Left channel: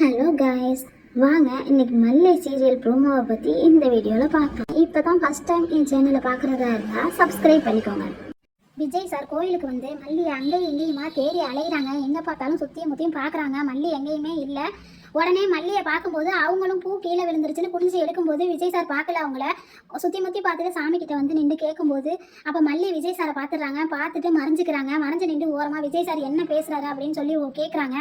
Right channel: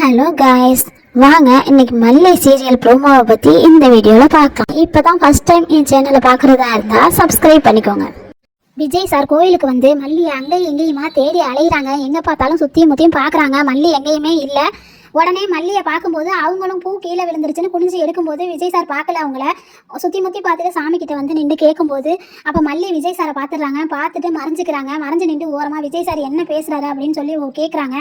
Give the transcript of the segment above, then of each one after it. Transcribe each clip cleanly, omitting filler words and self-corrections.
Hello guys, வாங்க இன்னைக்கு மல்லை சீரியல் ப்ரோமோவை பற்றி இந்த வீடியோவில் பார்க்கலாம். இப்போ தான் ஃபஸ்ட் டைம் என் சேனலை பார்க்குறதா இருந்தால் சப்ஸ்கிரைப் பண்ணிக்கோங்க. விஜய் சார் கோயிலுக்கு வந்து மல்லி அங்கேயும் எங்கேயுமா தேடி அலையிறாங்க. எங்கே பார்த்தாலும் சுற்றியும் முற்றியும் பார்க்குறாங்க, மல்லி எங்கேயுமே இல்லை. உடனே மல்லியை பார்க்கும்போது அவங்களும் பூ கீழே விழுந்துருச்சுன்னு குனிஞ்சு எடுக்கும்போது விஜய் சார் பார்க்கல. அவங்கள சுற்றி முற்றி பார்த்துட்டு சாமி கிட்ட வந்து நின்று கேட்கும்போது அப்போ மல்லி விஜய் சாரை பார்த்துடுறாங்க. பார்த்துட்டு மறைஞ்சிக்கிறாங்க. மறைஞ்சு நின்று ஓரமாக விஜய் சார் என்ன பேசுகிறாரு அப்படின்னு சொல்லி கேட்குறாங்க.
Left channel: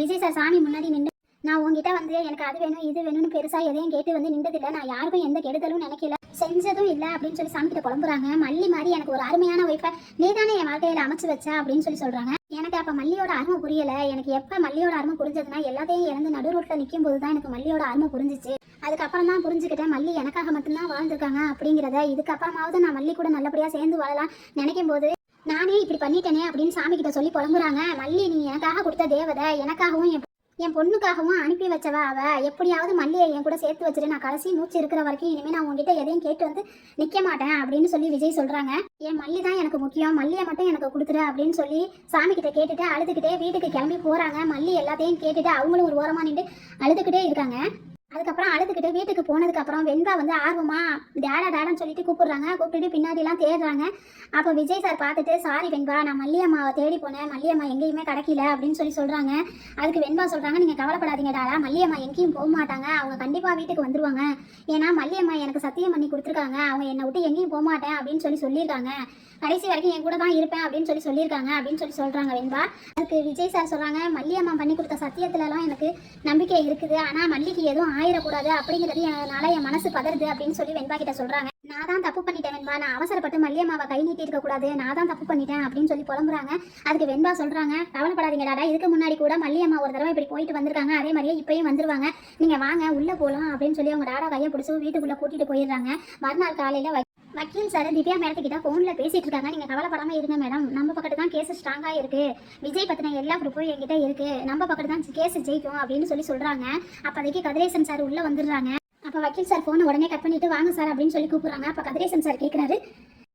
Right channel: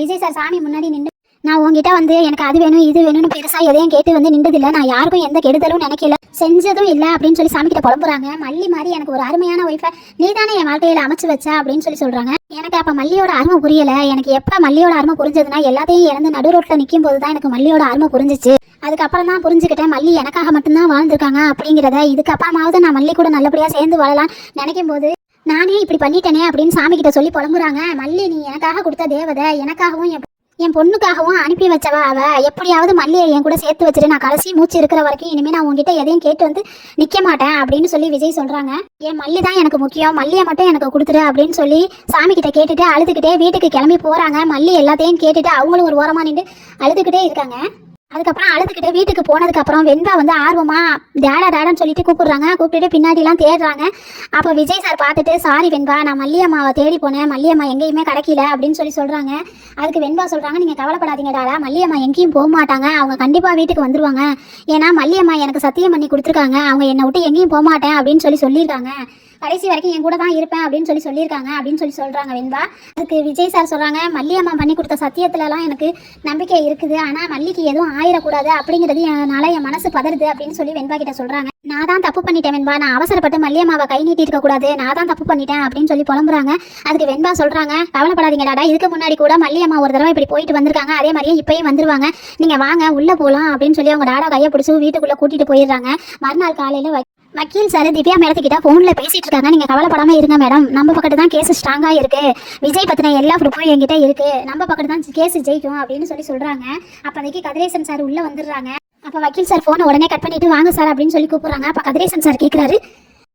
விஜய் சார் சாமி முன்னாடி நின்று, நான் உங்ககிட்ட வந்து எனக்கு அது வேணும் இது வேணும்னு பெருசாக எதையும் கேட்டு வந்து நின்றதில்லை, நான் யாருக்கும் எந்த கெடுதலும் நினைக்கல, செஞ்சதும் இல்லை அப்படின்னு சொல்லி சாமி கிட்ட புலம்புறாங்க. மல்லி மாதிரி எனக்கு ஒரு அருமையான ஒய்ஃபை நீ தானே என் வாழ்க்கையில் அமைச்சு வச்ச அப்படின்னு சொல்லி சொல்கிறாங்க. எனக்கு அப்போ மல்லியோட அருமை புரியலை. எனக்கு எப்போ மல்லியோட அருமை புரிஞ்சதுன்னா எல்லாத்தையும் இழந்து நடு ரோட்டில் நிற்கும் போது தான் எனக்கு மல்லியோட அருமை புரிஞ்சிச்சு. அதுக்கப்புறம் தான் புரிஞ்சுக்கிட்டேன் மல்லி எனக்காக மட்டும்தான் வாழ்ந்துருக்காங்க அப்படிங்கிறத. இதுக்கப்புறமாவது நான் மல்லி கூட நல்லபடியாக சேர்ந்து வாழலாம் நினைக்கும் போது நானே இப்படி பண்ணிட்டேனே அப்படின்னு சாமி கிட்ட சொல்லி புலம்புறாங்க. மல்லி நீ எனக்காக கொடுத்த தேவதை, எனக்காகவும் என் பொண்ணுக்காகவும் அனுப்பி வச்சவா அவ. எப்படியாவது மல்லியை என் கூட சேர்த்து வச்சுட்டு நான் கடைசி மூச்சு இருக்கிற வரைக்கும் இனிமேல் நான் உங்ககிட்ட எதையும் கேட்டு வந்து நிற்க மாட்டேன் அப்படின்னு சொல்லி விஜய் சொல்கிறாங்க. என் மல்லி தான் எனக்கு முக்கியம், மல்லியை மட்டும் எனக்கு கொடுத்துரு அப்படின்னு சொல்லி சாமி கிட்ட கேட்டுட்டு அழுதுகிட்டே வீட்டுக்கு கிளம்பி போகிறாங்க. மல்லி எல்லாத்தையும் கேட்டுட்டு அவங்களும் ஒரு ஓரமாக நின்று அழுதுகிட்டே இருக்காங்க. அதுக்கப்புறம் அழுதுகிட்டு வீட்டுக்கு போனதுக்கப்புறம் வெண்பா வந்து ஆர்வமாக டேடான்னு சொல்லிட்டு கூப்பிடுறாங்க. கூப்பிட்டுட்டு பின்னாடிலாம் தேடுறாங்க. அப்போ விஜய் சார் பார்த்துட்டு, சாரி வெண்பா, நான் மல்லியம்மாவை தேடி போனேன், மல்லியம்மா எங்கேயுமே கிடைக்கல அப்படின்னு சொல்லி சொல்கிறாங்க. அதுக்கு வெண்பா சொல்கிறாங்க, நீங்கள் கவலைப்படாதீங்க டாடா, மல்லியம்மா எங்கேயும் போக மாட்டாங்க, அவங்க கண்டிப்பாக வீட்டுக்கு வந்துருவாங்க. ஏன்னா மல்லியம்மா எனக்கு சத்தியம் பண்ணி கொடுத்துருக்காங்க, அவங்க என்னை விட்டு எங்கேயும் போக மாட்டேன் அப்படின்னு சொல்லியிருக்காங்க. கடைசி வரைக்கும் என் கூட தான் இருப்பேன் அப்படின்னு சொல்லியிருக்காங்க அப்படின்னு சொல்கிறாங்க வெண்பா. அதுக்கு விஜய் சார் சொல்கிறாங்க, மல்லியம்மா பண்ணி கொடுத்த சத்தியத்துலலாம் எனக்கு நம்பிக்கை இருக்குது, ஆனால் மல்லிக்கு எதுவும் ஆயிடக்கூடாது அப்படிங்கிறது என் மனசு பதறுது அப்படின்னு சொல்லி வெண்பா கிட்ட சொல்கிறாங்க. நான் தான் தப்பு பண்ணிட்டேன் வெண்பா, நான் அவசரப்பட்டு மல்லியம்மாவை கை நீட்டி இருக்கக்கூடாது, நான் தான் தப்பு பண்ணிட்டேன் அப்படின்னு சொல்லி புலம்புறாங்க. அதுக்கு வெண்பா சொல்கிறாங்க, கவலைப்படாதீங்க டாடா, இதுக்கு முன்னாடி கூட மல்லியம்மா ஒரு தடவை இப்படி போயிட்டு வந்திருக்காங்க, அதே மாதிரியே இப்பயும் வந்துருவாங்க, நீங்கள் வாங்க உள்ளே போகலாம் அப்படின்னு சொல்லி அவங்க டாடா கையை பிடிச்சி வீட்டுக்குள்ளே கூட்டிகிட்டு போயிடுறாங்க. மறுநாள் காலையில் வக்கீல் சார் திவ்யா மேடத்துக்கிட்ட ஃபோனில் பேசிகிட்டு இருக்காங்க. நீங்கள் கவலைப்படாமல் இருங்க மேடம், நம்ம பக்கத்து தான் கேஸ் ஸ்ட்ராங்காக இருக்குது, விஜய் பற்றின எல்லா ப்ரூஃபும் என்கிட்ட இருக்குது, நம்ம பக்கத்து தான் கேஸ் ஜெயிக்கும் அப்படின்னு சொல்கிறாங்க. அப்போதைக்கு கதிரேசன் சார் உள்ளே வந்துடுறாங்க. அப்போ வக்கீல் சார் ஃபோனை உடனே கட் பண்ணிவிட்டு வாங்க சார் அப்படின்னு சொல்லி கூப்பிட்றாங்க. அப்போ கதிரேசன் சார் கேட்குறாரு,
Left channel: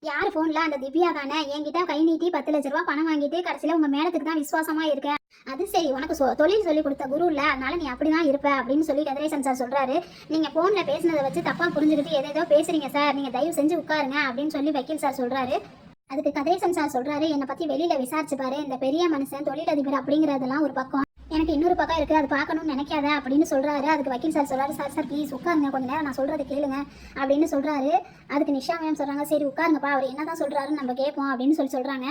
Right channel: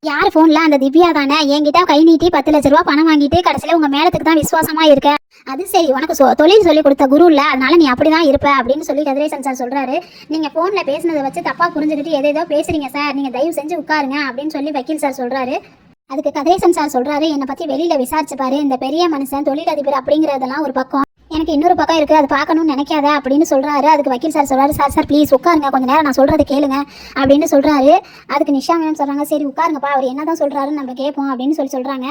யார் ஃபோனில்? அந்த திவ்யா தானே, என்கிட்ட கை நீட்டி 10 லட்ச ரூபா பணம் வாங்கிட்டு கடைசியில் உங்கள் மேடத்துக்கு தான் விசுவாசமாக இருக்க, அது சரி, உனக்கு தொழில் சொல்லி கொடுத்த குரு இல்லை, அதனால நீ அப்படி தான் இருப்ப அப்படின்னு சொல்லி கதிரேசன் சார் சொல்கிறாரு. நீங்கள் ஃபோனில் பேசினதை வச்சு தப்பாக புரிஞ்சுக்கிட்டு ஏதேதோ பேசுகிறீங்க சார், நீங்கள் தயவு செஞ்சு உட்காருங்க அப்படின்னு சொல்லி வக்கீல் சார் சொல்கிறாரு. அதுக்கு கதிரேசன் சார் சொல்கிறாரு, என்னை பற்றி வெளியில் விசாரிச்சு பாரு, இந்த பெரிய மனுஷன் தொழிலதிபர் அப்படிங்கிறதெல்லாம் ஒரு பக்கம், எனக்கு இன்னொரு பக்கம் இருக்குது, அது பார்க்கணும்னு நினைக்காத அப்படின்னு சொல்கிறாரு. அதுக்கு வக்கீல் சார் சொல்கிறாரு, சார் ப்ளீஸ் உட்காருங்க, கொஞ்சம் நேரம் நான் சொல்கிறது கேளுங்க அப்படின்னு சொல்கிறாரு. அதுக்கு நிஷா மேம் சொல்கிறாங்க, சரி உட்காருங்கப்பா, அவர் என்ன தான் சொல்கிறாருன்னு நம்ம கேட்போம் அப்படின்னு சொல்கிறாங்க.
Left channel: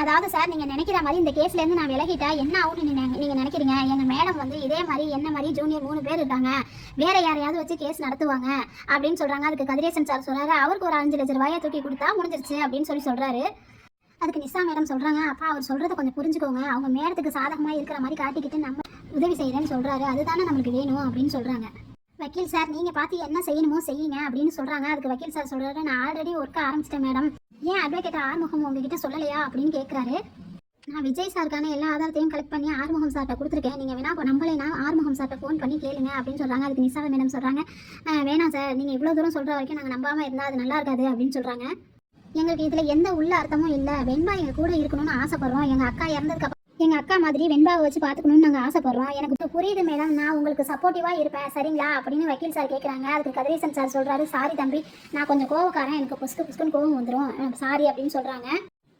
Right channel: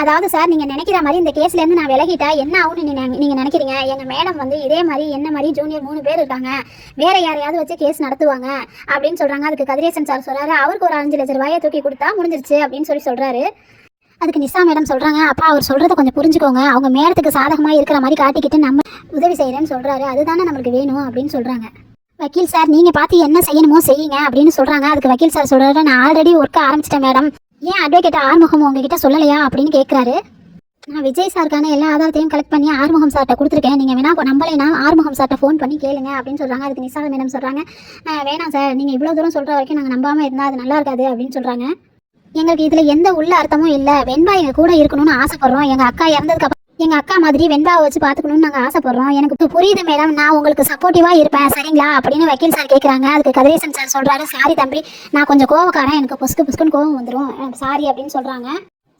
அதாவது சார், நீங்கள் நினைக்கிற மாதிரி இந்த கேஸ்லேருந்து நான் விலகிட்டா என்ன ஆகுன்னு நீங்கள் நினைக்கிறீங்க? எங்கள் மேடம் வந்து இதே மாதிரி என்ன மாதிரி ஜூனியர் 3 பேர் இருக்காங்க, வேறு யாரையாவது வச்சு கேஸ் நடத்துவாங்க அப்படின்னு சொல்கிறாங்க. அதுக்கு கதிரேசன் சார் சொல்கிறாரு, அவருக்கு ஒரு 5 லட்ச ரூபாயை தூக்கி கொடுத்தா முடிஞ்சிருச்சு அப்படின்னு சொல்கிறாரு. அதுக்கு நிஷா மேடம் சொல்கிறாங்க, அப்பா அவர் சொல்கிறத கொஞ்சம் புரிஞ்சுக்கோங்க, அவங்க மேடத்துக்கு சாதகமாக இருக்கிற மாதிரி காட்டிக்கிட்டு நம்ம உதவி செய்கிறேன்னு சொல்கிறாரு, அதுதானே நம்மளுக்கு வேணும் அப்படின்னு சொல்கிறாங்க. வக்கீல் சார், நீங்கள் பார்த்து என்ன செய்யணுமோ செய்யுங்க அப்படின்னு சொல்கிறாங்க. அதுக்கு வக்கீல் சார் சொல்கிறாரு, நான் ஆல்ரெடி ஒர்க்க ஆரம்பிச்சிட்டேன் மேடம், ஏன் அட்வொகேட் ஆறுமுகம் உங்ககிட்ட சொல்லலையா அப்படின்னு கேட்குறாரு. நான் விஜய் சாருக்கான எல்லா ஆதாரத்தையும் கலெக்ட் பண்ணி ஆறுமுகம் சார்கிட்ட கொடுத்துருக்கேன், நீங்கள் வேணா நம்பலைன்னா ஆறுமுகம் சார்கிட்ட ஃபோன் பண்ணி கேளுங்க அப்படின்னு சொல்கிறாங்க. அதுக்கு நிஷா மேடம் சொல்கிறாங்க, வேணாம் சார், நீங்கள் இவ்வளோ தூரம் சொல்கிற வரைக்கும் நாங்கள் நம்பாமல் இருந்தால் அது நல்லா இருக்காது அப்படின்னு சொல்கிறாங்க. எங்களுக்கு இதில் எந்த உள்ள அர்த்தமும் இல்லை, வெண்பா எங்கள் கூட இருக்கணும்னு ஆசைப்படுறோம், எங்கள் அக்கா இறந்ததுக்கு எங்கள் அக்கா மாதிரி வெண்பாவை வச்சு பார்த்துக்கணும்னு நாங்கள் ஆசைப்படுறோம், எனக்கு புரியுது மேடம், நான் உங்களுக்கு சப்போர்ட்டிவாக இருப்பேன் சரிங்களா அப்படின்னு வக்கீல் சார் கேட்குறாங்க. அதுக்கு கதிரேசன் சார் சொல்கிறாரு, சாரி தம்பி, நான் கொஞ்சம் கோவக்காரன், எனக்கு புஸ்குன்னு கோவம் வந்துடும், சாரி அப்படின்னு சொல்கிறாங்க.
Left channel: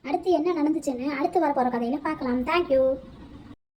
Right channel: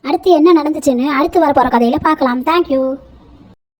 அடுத்து என்ன நடந்துச்சுன்னு அடுத்து வரப்போகிற கதையில் பார்க்கலாம். தேங்க்யூ.